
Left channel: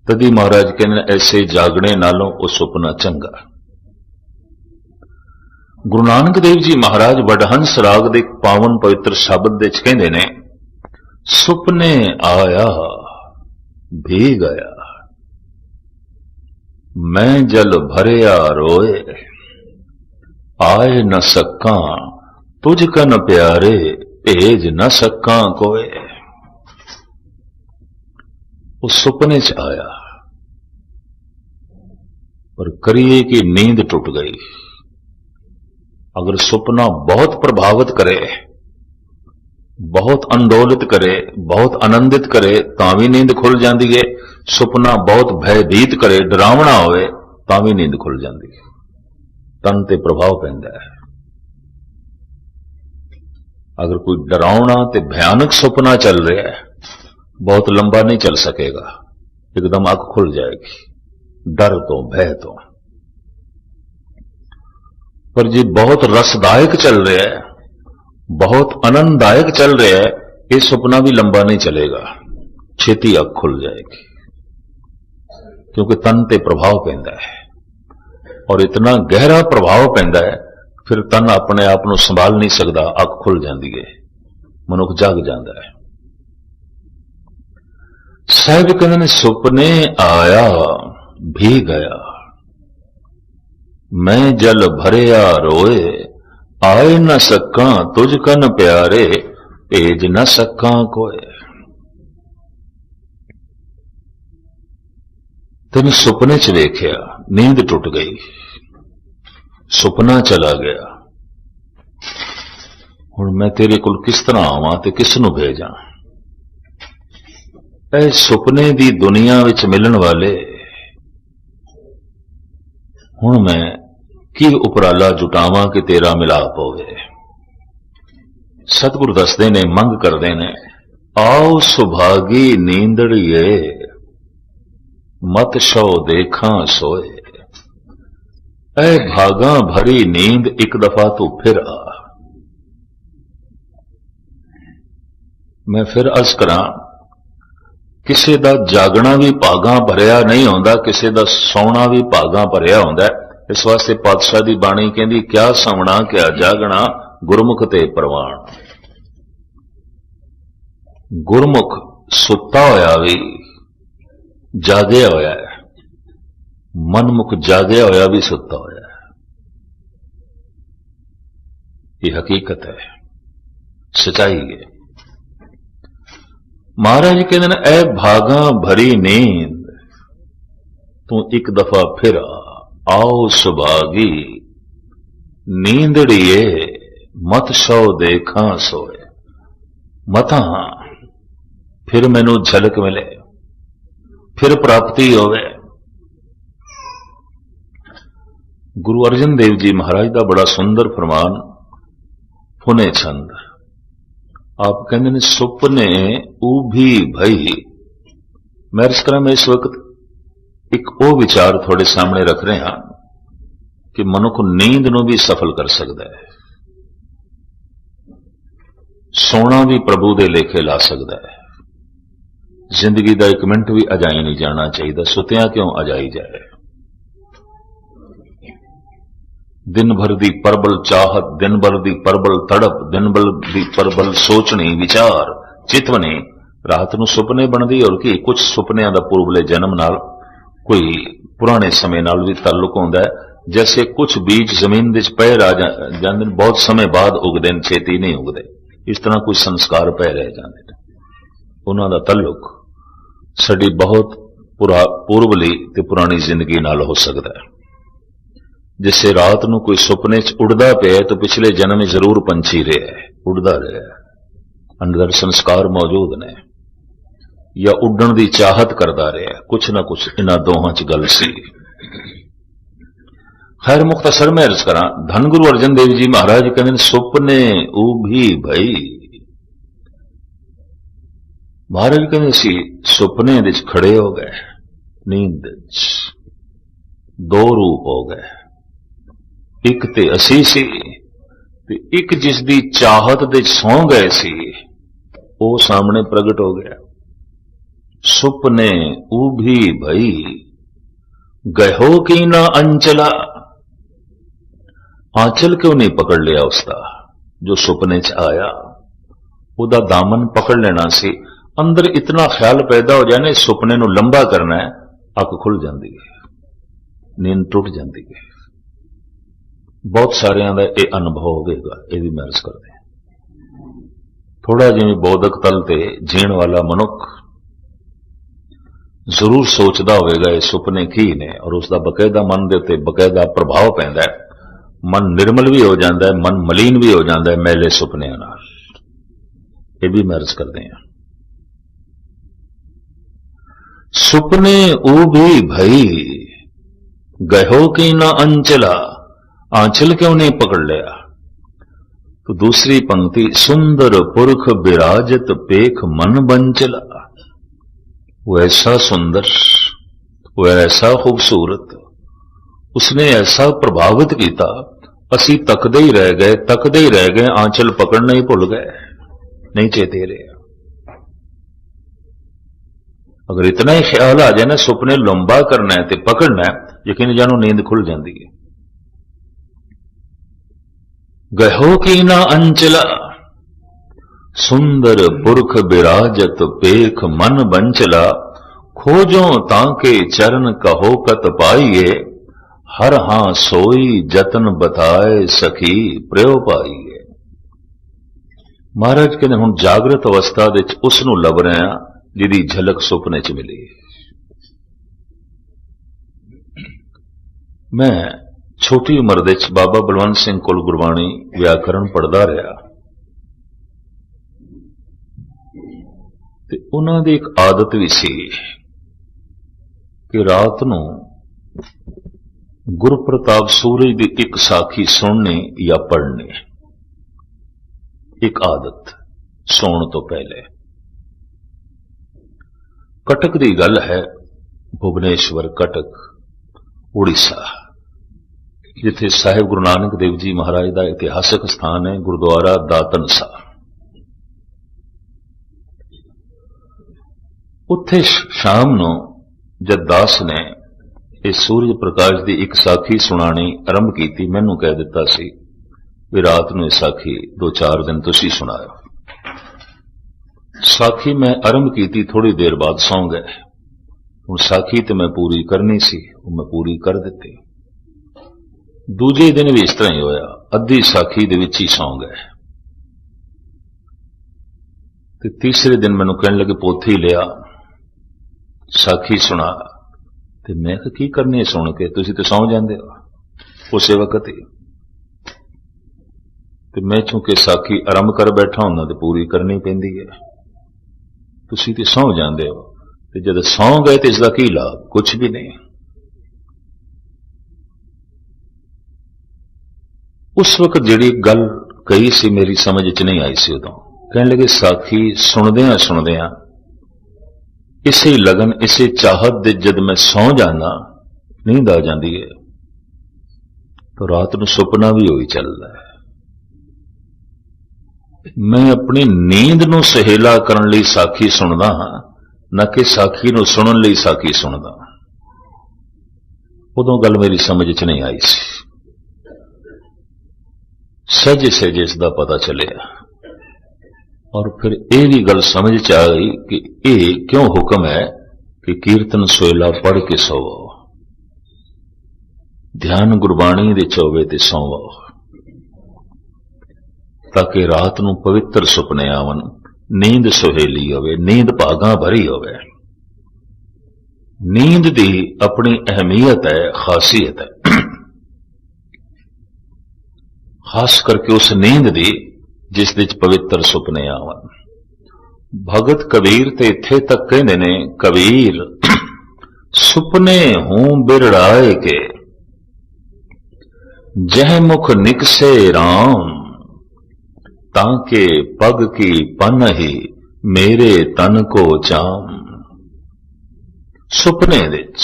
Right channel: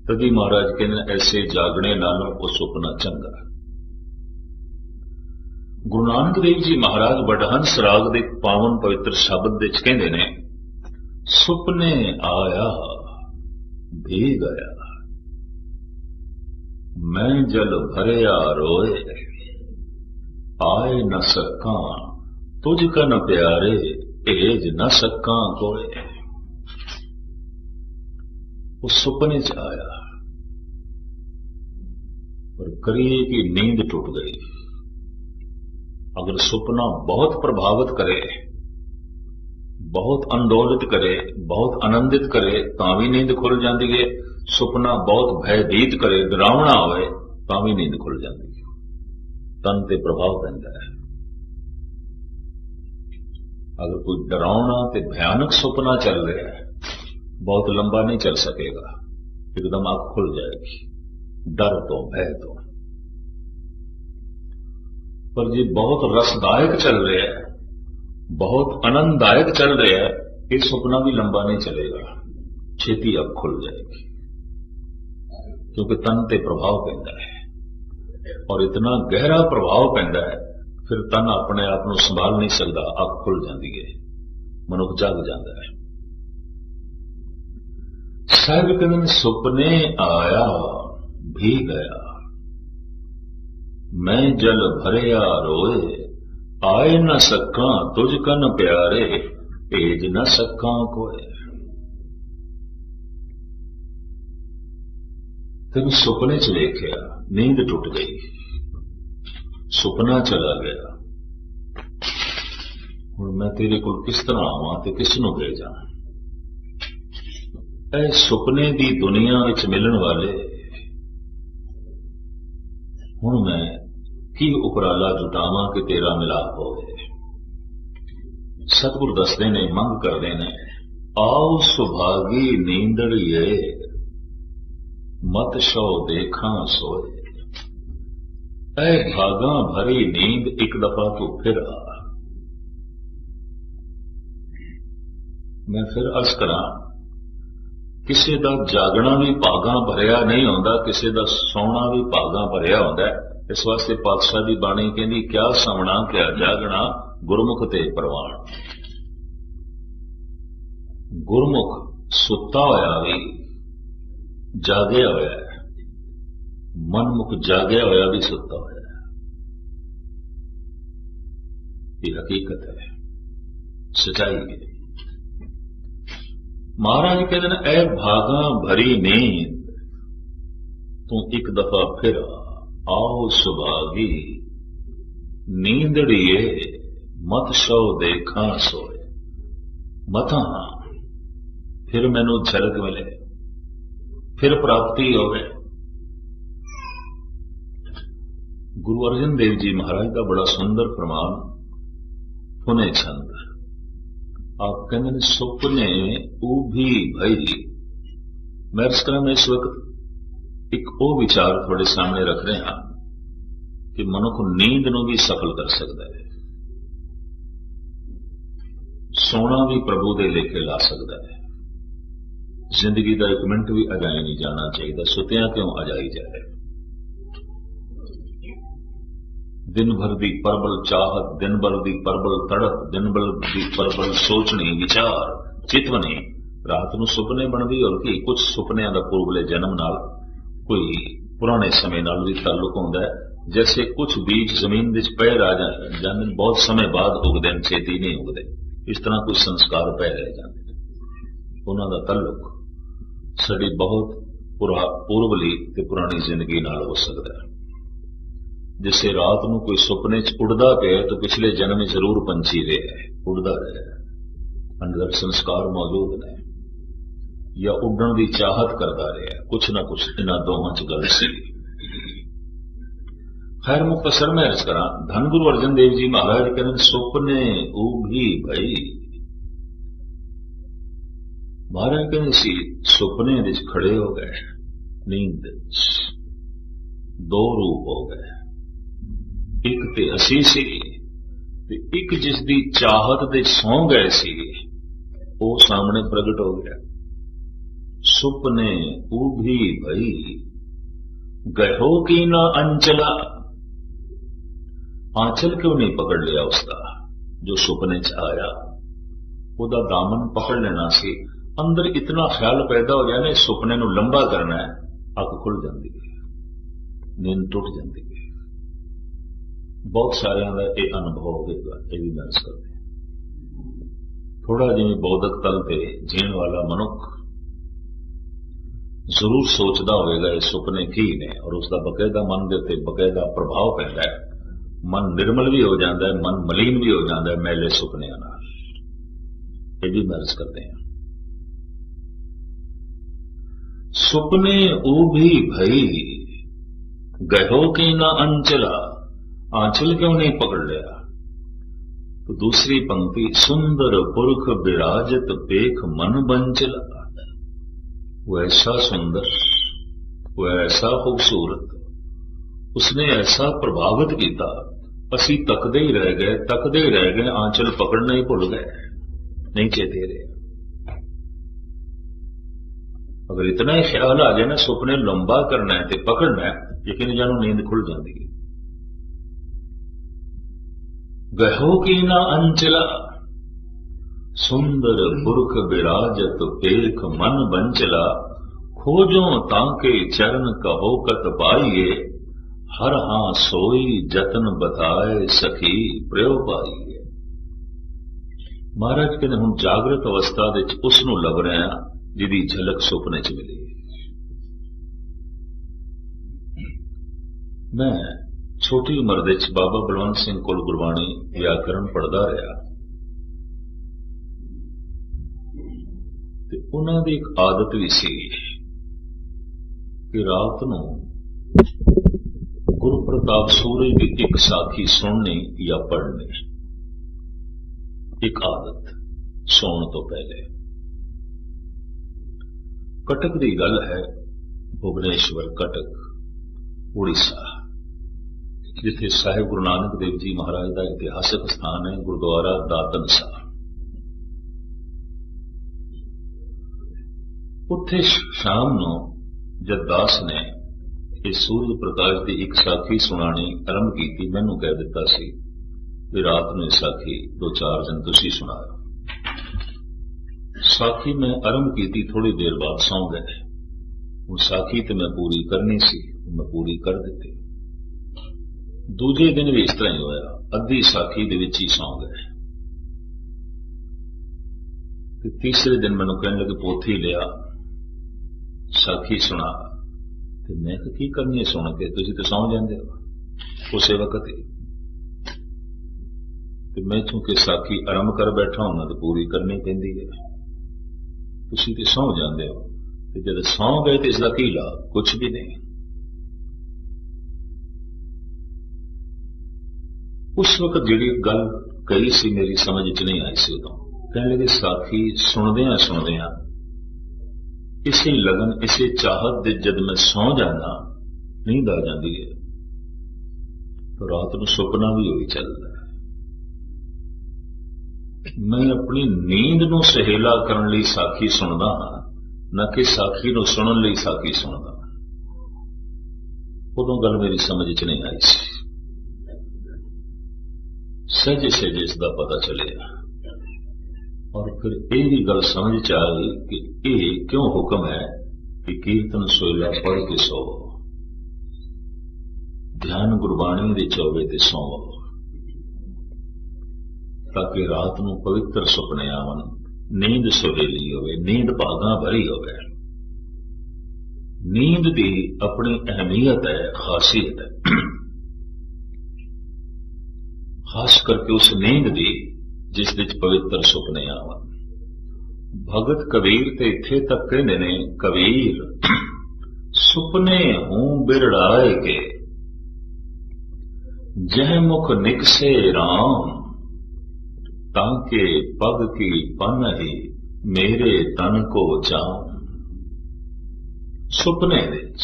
ਤਦੀ ਮਹਾਰਾਜ ਕਹਿੰਦੇ ਐਸੇ ਜਾਗਣੇ ਨਾਲੋਂ ਉਹ ਸੁਪਨਾ ਚੰਗਾ। ਗੁਰੂ ਨਾਨਕ ਦੇਵ ਜੀ ਮਹਾਰਾਜ ਵਡਹੰਸ ਰਾਗ ਦੇ ਪਾਵਨ ਪਵਿੱਤਰ ਸ਼ਬਦ ਦੇ ਵਿੱਚ ਕਹਿੰਦੇ ਨੇ, ਸੁਪਨੇ ਆਇਆ ਭੀ ਗਿਆ, ਮੈਂ ਜਲ ਭਰਿਆ ਰੋਏ, ਆਏ ਨ ਸਕਾਂ ਤੁਝ ਕਨ ਪਿਆਰੇ, ਭੇਜ ਨ ਸਕਾਂ ਕੋਏ। ਉਹ ਸੁਪਨੇ 'ਚ ਆਇਆ पर करिए कि नींद टूट गई। अगर सुपना बहुत प्रभावित करे, बहुत अंदोलित करे, बहुत आनंदित करे तां भी नींद खुल जाती है। सुपना बहुत भयभीत करे, डरावना होवे तां भी नींद खुल जाती है। तन ते प्रभाव पैंदा है। अगर कोई डरावना ते भयानक सुपना चल रहा है, बहुत लंबा नहीं चल सकेगा, एकदम आंख खुल जाएगी डर तो, भय तो। पर जी बहुत रसदायक चल रहा है, बहुत आनंददायक चल रहा है, ये सुपना भी लंबा नहीं चलेगा, छेती आंख खुल जाएगी, क्योंकि तन ते प्रभाव पैंदा है। और इतना गहरा प्रभाव पैंदा है, फिर तन अपने आप को संभाल नहीं सकता, आंख खुल जाती है, मनुख जाग जाता है। साहिब कहते ने सुपने आया भी गया, मैं जल भरिया रोए, आए न सका तुझ कन प्यारे, भेज न सका कोय। तेन सुपने च वेख्या, नींद टुट गई, सुपना चला गया। हुण मैं तेरे कोल किस तरह आवां ते किस नूं भेजां? ऐ सुपने दी दुनिया विच मिलन वाले, हुण मैं की उपराला जुटावां कि तेरा मिलाप होवे। सतगुरु दसदे ने, मंग करदे ने, आओ सुभागी नींदड़िए, मत शौ देखा सोए। ऐ भागा भरी नींद एक दफा तू फिर आ। मैं फिर अर्ज करां, किसी दा जागना भी भागा भरिया नहीं होंदा, किसी दा सौना भी भागा भरिया होंदा। इस वास्ते पातशाह दी बाणी कहंदी, क्या सौना क्या जागना, गुरमुख ते प्रवान। गुरमुख सुता होया भी जागया होया है, मनमुख जागया होया भी सुता होया है। ये हकीकत है, सच्चाई है। महाराज कहते हैं, ऐ भागा भरी नींद तू एक दफा फिर आओ सुभागी नींदड़िए, मत सौ देखा सोए। मता फिर मैनू झलक मिले, फिर प्राप्ति होवे। गुरु अर्जन देव जी महाराज का बड़ा सुंदर फरमान, फुने छंद। आप कहते हैं, सुपने उभी भई। मैं इस तरह में इस वक्त एक वो विचार थोड़े सामने रख रहे हैं कि मनुख नींद नूं भी सफल कर सकता है, सोना भी प्रभु दे लेखे ला सकता है। जिंदगी का एक मिनट भी अजाई नहीं जाना चाहिए, सुतिया क्यों अजाई जाए। दिन भर दी परबल चाहत, दिन भर दी परबल तड़प, दिन भर दी परबल सोचनी विचार चितवनी, रात नूं सुपने बनदी। और कि कुछ सुपनियां दा पूर्वले जन्म नाल, कोई पुराने समय नाल भी ताल्लुक होंदा है। जैसे कुछ बीज जमीन विच पए रह जांदे, बहुत समय बाद उगदे ने, छेती नहीं उगदे। इस तरह कोई संस्कार पै रह जांदे ने, उन्हां दा ताल्लुक साडी बहुत पूर्वली ते पुरानी जिंदगी नाल हो सकदा है। जिसे रात नूं कोई सुपने च उड़दा पिया तो पिछले जन्म में जरूर पंछी रहा है, उड़दा रहा है, अंदर संस्कार मौजूद ने, या उड़न की चाहत करता रहा, कुछ ना कुछ इन्हां दोहां च गल सी। खैर मुख्तसर में अर्ज करा, धन गुरु अर्जन देव जी महाराज कहते सुपने उभी भई। महाराज कहते सी सुपने विच खड़े हो गए, नींद दो रूप हो गए, एक ते असी सी ते एक जिस दी चाहत दे सौ गए सी, वो सामने प्रगट हो गया। सुपने उभी भई, गहो की ना अंचला। आंचल क्यों नहीं पकड़ लिया उसका जो सुपने च आया? उदा दामन पकड़ लेना सी। अंदर इतना ख्याल पैदा हो जाए ना, सुपने नूं लंबा करना है, अख खुल जाती है, नींद टुट जाती है। बहुत सारिਆਂ ਦਾ ਇਹ अनुभव होगा, ये भी महसूस करते हैं। थोड़ा जिवें बौद्धक तल ते जीण वाला मनुख जरूर सोचता होगा ये सुपने की ने, और उसका बकायदा मन के उत्ते बकायदा प्रभाव पैंदा है। मन निर्मल भी हो जाता है, मन मलीन भी हो जाता है मैले सुपनियां नाल। ये भी महसूस करते हैं। सुपने उभी भई, गहो की ना अंचला। आंचल क्यों नहीं पकड़ लिया? तो दूसरी पंक्ति, सुंदर पुरख विराजत पेख मन बंचला। वो ऐसा सुंदर, वो ऐसा खूबसूरत, उसने ऐसा प्रभावित किया, असी तकदे ही रह गए, तकदे ही रह गए, आंचल पकड़ना ही भुल गए, नहीं चेते रहे। अगर इतना ही ख्याल आ जाए ना, सुपने लंबा करना है तो पकड़ना है, यकीन जानो नींद खुल जाती है। गहो की ना अंचला, सुंदर पुरख बिराजत पेख मन बंचला। खोजो ताके चरण कहो कत पाइए, हर हां सोई जतन बताए सखी प्रयो पाई है। महाराज कहते हुण जागृत अवस्था दे विच उस नूं लभ रहे हां जिहदी झलक सुपने च मिली। मैं छोटी उम्र दे विच बाबा बलवंत सिंह कोल गुरबाणी व्याकरण पढ़दा रहा ते उन्हां दी एक आदत भी सी कि रात नूं गुरप्रताप सूरज की एक साखी सुननी या पढ़नी, एक आदत सौण तो पहले। कटक की गल है, भुवनेश्वर कटक उड़ीसा, जिथे साहिब गुरु नानक देव जी महाराज का इतिहासक स्थान है गुरुद्वारा दातन साह। उत्थे शाम नूं जद दास ने इस सूरज प्रकाश की एक साखी सुनानी आरंभ की, मैनू कह दिता सी भी रात नूं इस साखी 2-4 दिन तुसीं सुनाओ। साखी मैं आरंभ की, थोड़ी देर बाद सौ गए। हुण साखी तो मैं पूरी करनी सी, वो मैं पूरी कर दी। दूजे दिन भी इस तरह ही होया, अद्धी साखी दे विच ही सौ गए। ते तीसरे दिन मैनू कहण लगे पोथी लिया, साखी सुना। ते मैं की करनी है सुन के, तुसीं तो सौ जांदे हो उस वक्त ही। ते मैं चूंकि साखी आरंभ कर बैठा हुंदा ते पूरी करनी पैंदी है, तुसीं ते सौ जांदे हो। ते जद सौ गए तो इसका की लाभ? कुछ भी नहीं। उस वक्त जिहड़ी गल कही सी मेरी समझ च नहीं आई सी। उदों कहण लगे साखी सुणदियां सुणदियां इसे लगन इसे चाहत दे जद मैं सौ जाना, नींद आ जाती है, तो रात को सुपना भी वही चलता है। मैं अपनी नींद नूं सहेला करन लई साखी सुनदा हां, न कि साखी नूं सुनन लई साखी सुनदा। उदों गल मेरी समझ च नहीं आई सी। सहजे सहजे इसका पता चलिया और फिर यह भी गल समझ च आ गई कि यह क्यों हुक्म है कि कीर्तन सोयला पढ़ के सोवो, ध्यान गुरबाणी दे चौवे ते सोवो, ताकि रात नूं पवित्र सुपने आवन, नींद सुहेली होवे, नींद भागां भरी होवे। नींद दी अपनी अहमियत है, खासियत है, खास करके उस नींद दी जिस विच पवित्र सुपने आवन। भगत कबीर ते इत्थे तक कहंदे ने, कबीर सुपने हूं बिरड़ाए के, जह मुख निकसे राम, ताके पग की पन ही मेरे तन को जाम। सुपने विच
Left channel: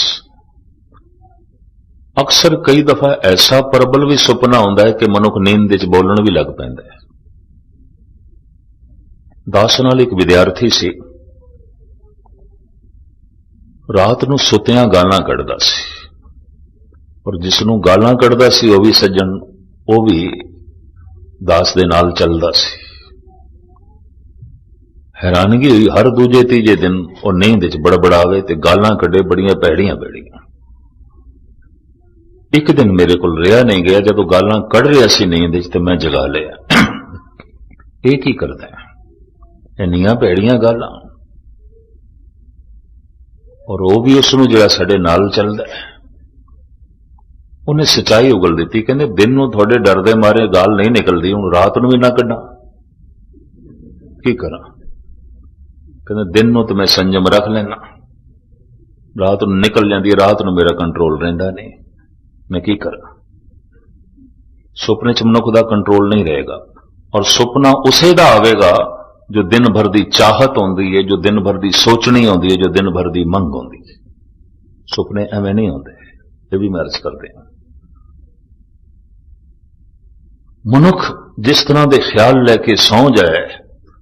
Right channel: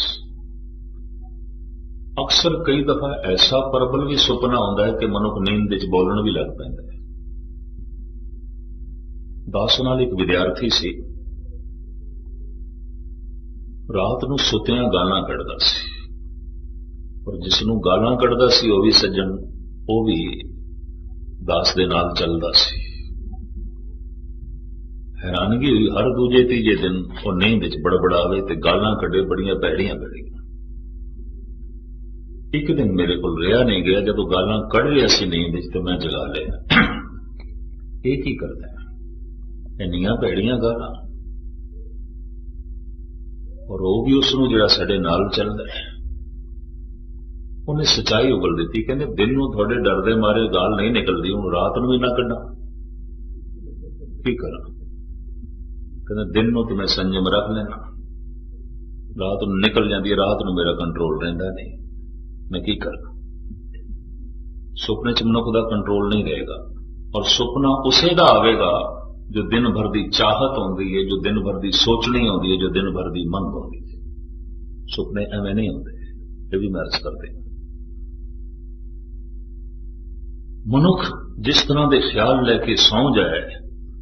अक्सर कई दफा ऐसा प्रबल भी सुपना होंदा है कि मनुख नींद विच बोलण भी लग पैंदा है। दास नाल एक विद्यार्थी सी, रात नूं सुतियां गालां कढदा सी, और जिसनूं गालां कढदा सी वो भी सज्जन, वो भी दास दे नाल चलदा सी। हैरानगी हुई, हर दूजे तीजे दिन वो नींद विच बड़बड़ावे ते गालां कढे बड़ियां भैड़ियां भैड़ियां। एक दिन मेरे को रिहा नहीं गया, जदों गालां कढ़ रहा सी नींद विच ते मैं जगा लिया। ये की करदा है, इन्नियां भैड़ियां गालां, और वो भी उसनूं जिहड़ा साडे नाल चलदा है। उन्हें सच्चाई उगल दी, कहंदे दिन नूं तुहाडे डर दे मारे गाल नहीं निकलदी, हुण रात नूं भी ना कढां, की करां? कहंदे दिन नूं तो मैं संयम रख लेना, रात नूं निकल जांदी है, रात नूं मेरा कंट्रोल रहिंदा नहीं, मैं की करां? सुपने च मनुख दा कंट्रोल नहीं रहेगा, और सुपना उसे दा आवेगा जो दिन भर की चाहत होंदी है, जो दिन भर की सोचनी होंदी है, जो दिन भर की मंग होंदी है। सुपने एवें नहीं होंदे, ये भी मैं अर्ज करते हैं। मनुख जिस तरह के ख्याल लैके सौ जाए,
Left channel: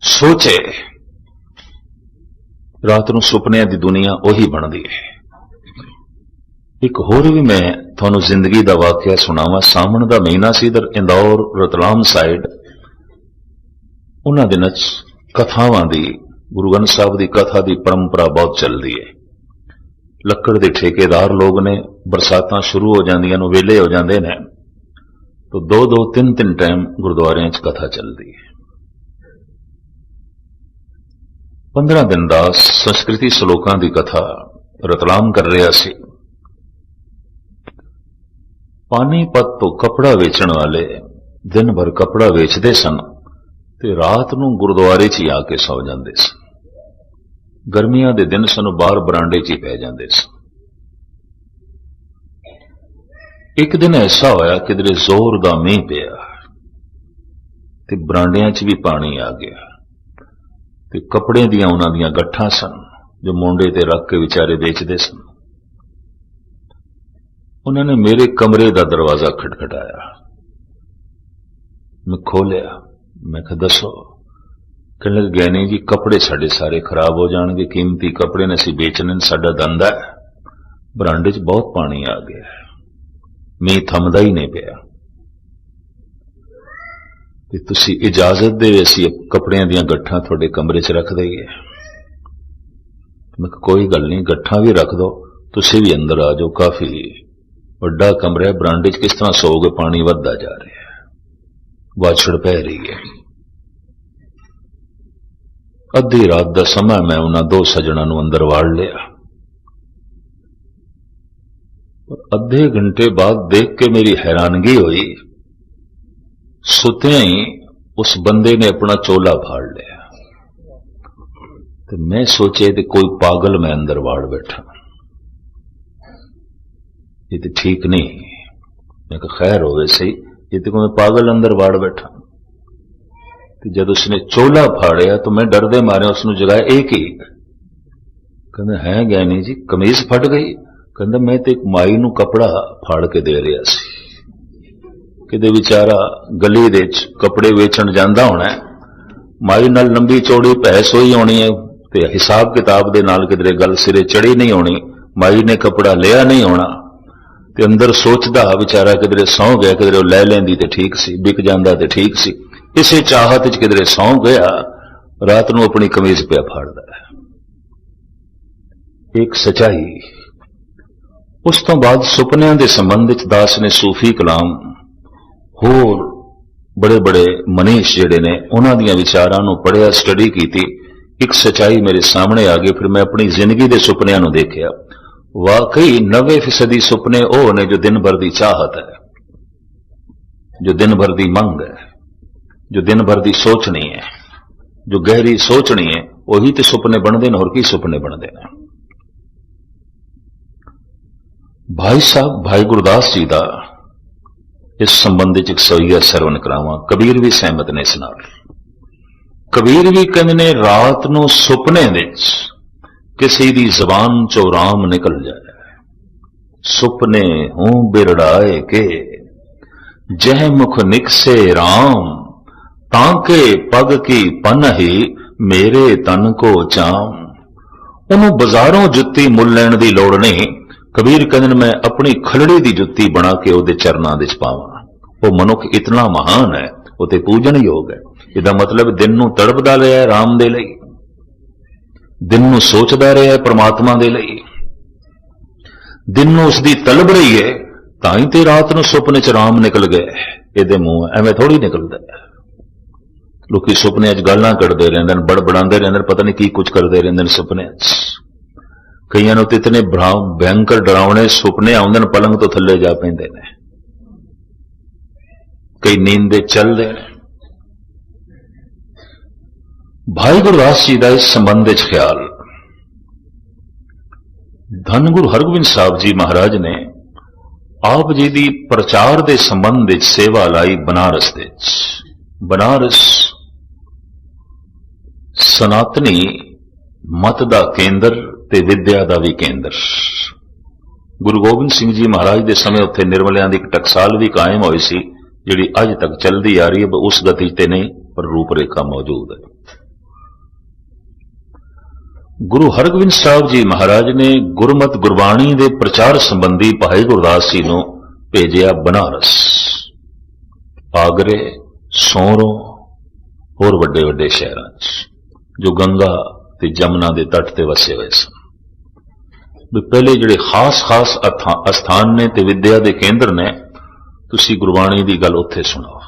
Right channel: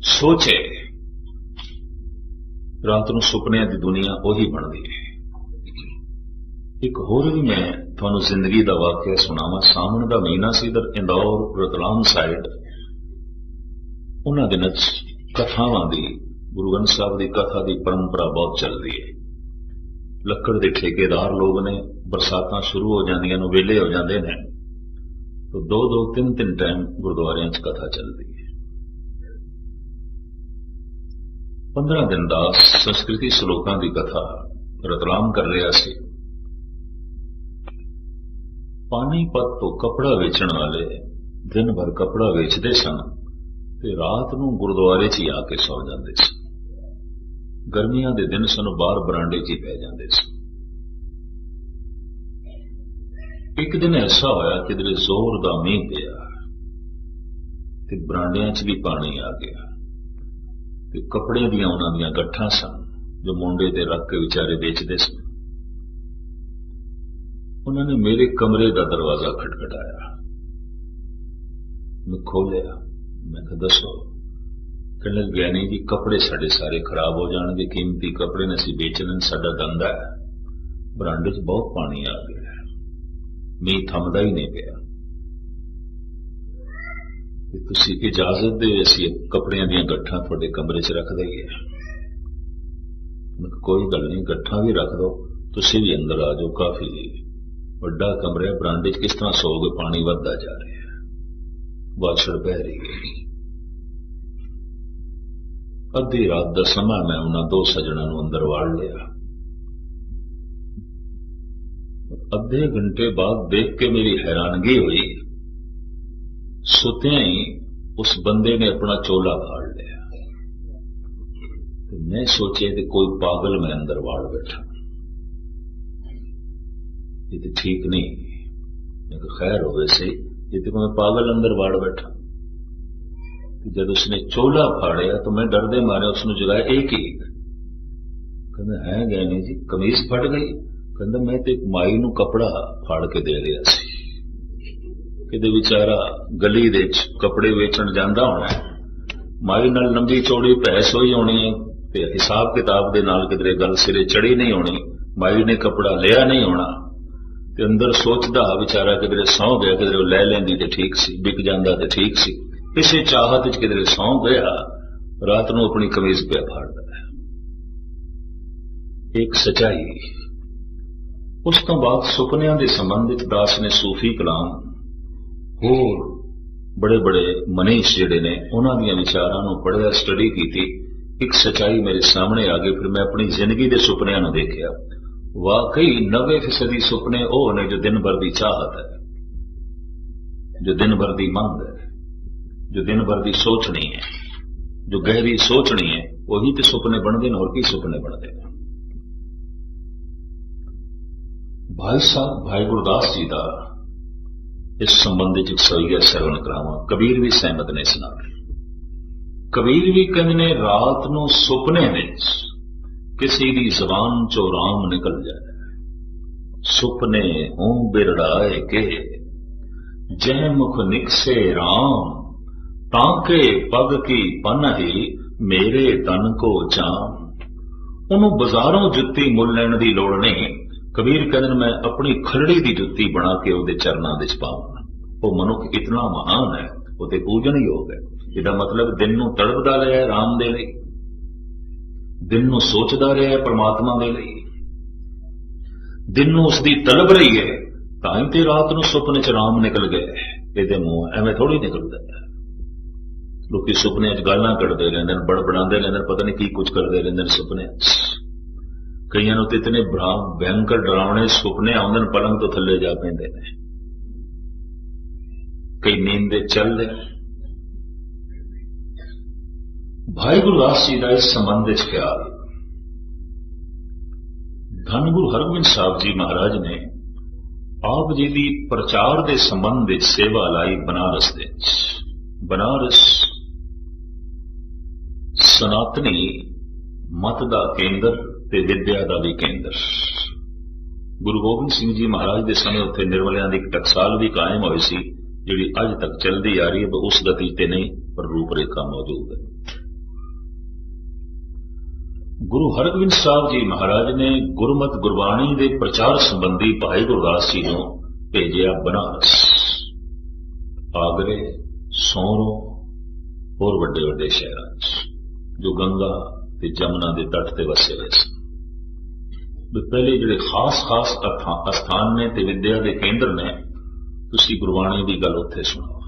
सोचे, रात नूं सुपने की दुनिया उही बनती है। एक होर भी मैं तुहानूं जिंदगी का वाकया सुनावा। सावण का महीना सी, इधर इंदौर रतलाम साइड उन्हां दिनां कथावां दी, गुरु ग्रंथ साहब की कथा की परंपरा बहुत चलती है। ਲੱਕੜ ਦੇ ਠੇਕੇਦਾਰ ਲੋਕ ਨੇ, ਬਰਸਾਤਾਂ ਸ਼ੁਰੂ ਹੋ ਜਾਂਦੀਆਂ ਨੂੰ ਵੇਲੇ ਹੋ ਜਾਂਦੇ ਨੇ, ਤਾਂ 2-2 3-3 ਟਾਈਮ ਗੁਰਦੁਆਰਿਆਂ 'ਚ ਕਥਾ ਚੱਲਦੀ ਹੈ। 15 ਦਿਨ ਦਾ ਸੰਸਕ੍ਰਿਤੀ ਸ਼ਲੋਕਾਂ ਦੀ ਕਥਾ ਰਤਲਾਮ ਕਰ ਰਿਹਾ ਸੀ। ਪਾਣੀਪਤ ਤੋਂ ਕਪੜਾ ਵੇਚਣ ਵਾਲੇ ਦਿਨ ਭਰ ਕਪੜਾ ਵੇਚਦੇ ਸਨ ਤੇ ਰਾਤ ਨੂੰ ਗੁਰਦੁਆਰੇ 'ਚ ਹੀ ਆ ਕੇ ਸੌ ਜਾਂਦੇ ਸਨ। ਗਰਮੀਆਂ ਦੇ ਦਿਨ ਸਨ, ਬਾਹਰ ਬਰਾਂਡੇ 'ਚ ਹੀ ਪੈ ਜਾਂਦੇ ਸਨ। ਇੱਕ ਦਿਨ ਐਸਾ ਹੋਇਆ ਕਿਧਰੇ ਜ਼ੋਰ ਦਾ ਮੀਂਹ ਪਿਆ ਤੇ ਬਰਾਂਡਿਆਂ 'ਚ ਵੀ ਪਾਣੀ ਆ ਗਿਆ ਤੇ ਕੱਪੜੇ ਦੀਆਂ ਉਹਨਾਂ ਦੀਆਂ ਗੱਠਾਂ ਸਨ ਜੋ ਮੋਢੇ ਤੇ ਰੱਖ ਕੇ ਵਿਚਾਰੇ ਵੇਚਦੇ ਸਨ। ਉਹਨਾਂ ਨੇ ਮੇਰੇ ਕਮਰੇ ਦਾ ਦਰਵਾਜ਼ਾ ਖਟਖਟਾਇਆ। ਮੈਂ ਖੋਲਿਆ। ਮੈਂ ਕਿਹਾ ਦੱਸੋ। कहने लगे ज्ञानी जी कपड़े साढ़े सारे खराब हो जाएंगे, कीमती कपड़े ने असीं बेचने, साडा धंधा है, बरांडे च बहुत पानी आ गया है, मींह थमदा ही नहीं पिया, ते तुसीं इजाजत दे असीं कपड़ियां दीयां गट्ठां तुहाडे कमरे च रख दईए। मैं कोई गल नहीं, गट्ठां भी रख दो, तुसीं भी अंदर आ जाओ, काफी वड्डा कमरा है, बरांडे च किस तरह सोओगे, पानी वधदा जा रहा है, वाछड़ पै रही है। अद्धी रात का समय मैं उन्हां दो सजणा नूं अंदर वाड़ लिया। अद्धे घंटे बाद देख के मेरी हैरानगी हुई, सुत्या ही उस बंदे ने अपना चोला फाड़ लिया। तो मैं सोचे कि कोई पागल मैं अंदर वाड़ बैठा, ये तो ठीक नहीं। मैं कहा खैर होवे सही, ये तो कोई पागल अंदर वाड़ बैठा। जब उसने चोला फाड़िया तो मैं डरदे मारे उसने जगाया, एक ही कहते है ज्ञानी जी कमीज फट गई। कहते मैं तो एक माई नूं कपड़ा फाड़ के दे रहा सी, किते बेचारा गली दे कपड़े वेचण जांदा होना है, माई नाल लंबी चौड़ी भैंस होई होनी है, ते हिसाब किताब दे नाल किधरे गल सिरे चढ़ी नहीं होनी, माई ने कपड़ा लिया नहीं होना, ते अंदर सोचदा बेचारा किधरे सौ गया, किधरे लै लैंदी ते ठीक सी, बिक जांदा ते ठीक सी, इसे चाहत च किधरे सौ गया, रात नूं अपनी कमीज पिया फाड़दा है। एक सच्चाई। उस तो बाद सुपनियां दे संबंध च दास ने सूफी कलाम होर बड़े बड़े मनीष जिहड़े ने उन्हां दीयां विचारां नूं पढ़िया, स्टडी कीती, एक सच्चाई मेरे सामने आ गई। फिर मैं अपनी जिंदगी दे सुपनियां नूं देखिया, वाकई 90% सुपने ओह ने जो दिन भर दी चाहत है, जो दिन भर दी मंग है, जो दिन भर दी सोचनी है, जो गहरी सोचनी है, वही तो सुपने बनते हैं। और की सुपने बनते हैं? भाई साहब भाई गुरदास जी का इस संबंध एक सोईया सरवण करावा। कबीर भी सहमत ने इस नाल। कबीर भी कहते ने रात नूं सुपने विच किसी दी जबान चो राम निकल जाए, सुपने हूं बिरड़ाए के जह मुख निकसे राम, ताके पग की पन ही मेरे तन को चाम। उन्होंने बाजारों जुत्ती मुल लैण दी लोड़ नहीं। कबीर कहते मैं अपनी खलड़ी दी जुत्ती बना के उहदे चरनां दे पावां। वो मनुख इतना महान है, वो ते पूजन योग है। इहदा मतलब दिन नूं तड़पदा रहा है राम दे लई, दिन नूं सोचदा रहा है परमात्मा दे लई, दिन नूं उसदी तलब रही है, तां ही ते रात नूं सुपने च राम निकल गए। इहदे मूंह एवें थोड़ी निकलदा है। लोग सुपने गल्लां कढ़दे रहिंदे ने, बड़बड़ांदे रहिंदे ने, पता नहीं की कुछ करते रहिंदे ने सुपने। कईयां नूं ते इतने भयंकर डरावने सुपने आउंदे ने, पलंग तो थल्ले जा पैंदे ने, कई नींदे चलदे ने। भाई गुरदास जी का इस संबंध विच ख्याल, धन गुरु हरगोबिंद साहब जी महाराज ने आप जी की प्रचार के संबंध विच सेवा लाई बनारस दे। बनारस सनातनी मत का केंद्र ते विद्या का भी केंद्र। गुरु गोबिंद सिंह जी महाराज के समय उत्थे निर्मलियां की एक टकसाल भी कायम हुई सी, जिहड़ी अज तक चलती आ रही है। उस गति ते नहीं पर रूपरेखा मौजूद है। गुरु हरगोबिंद साहब जी महाराज ने गुरमत गुरबाणी के प्रचार संबंधी भाई गुरदास जी को भेजिया बनारस, आगरे, सोरों और वड्डे वड्डे शहरां जो गंगा ते जमुना के तट ते वसे हुए सन। ਵੀ ਪਹਿਲੇ ਜਿਹੜੇ ਖਾਸ-ਖਾਸ ਅਸਥਾਨ ਨੇ ਤੇ ਵਿਦਿਆ ਦੇ ਕੇਂਦਰ ਨੇ, ਤੁਸੀਂ ਗੁਰਬਾਣੀ ਦੀ ਗੱਲ ਉੱਥੇ ਸੁਣਾਓ।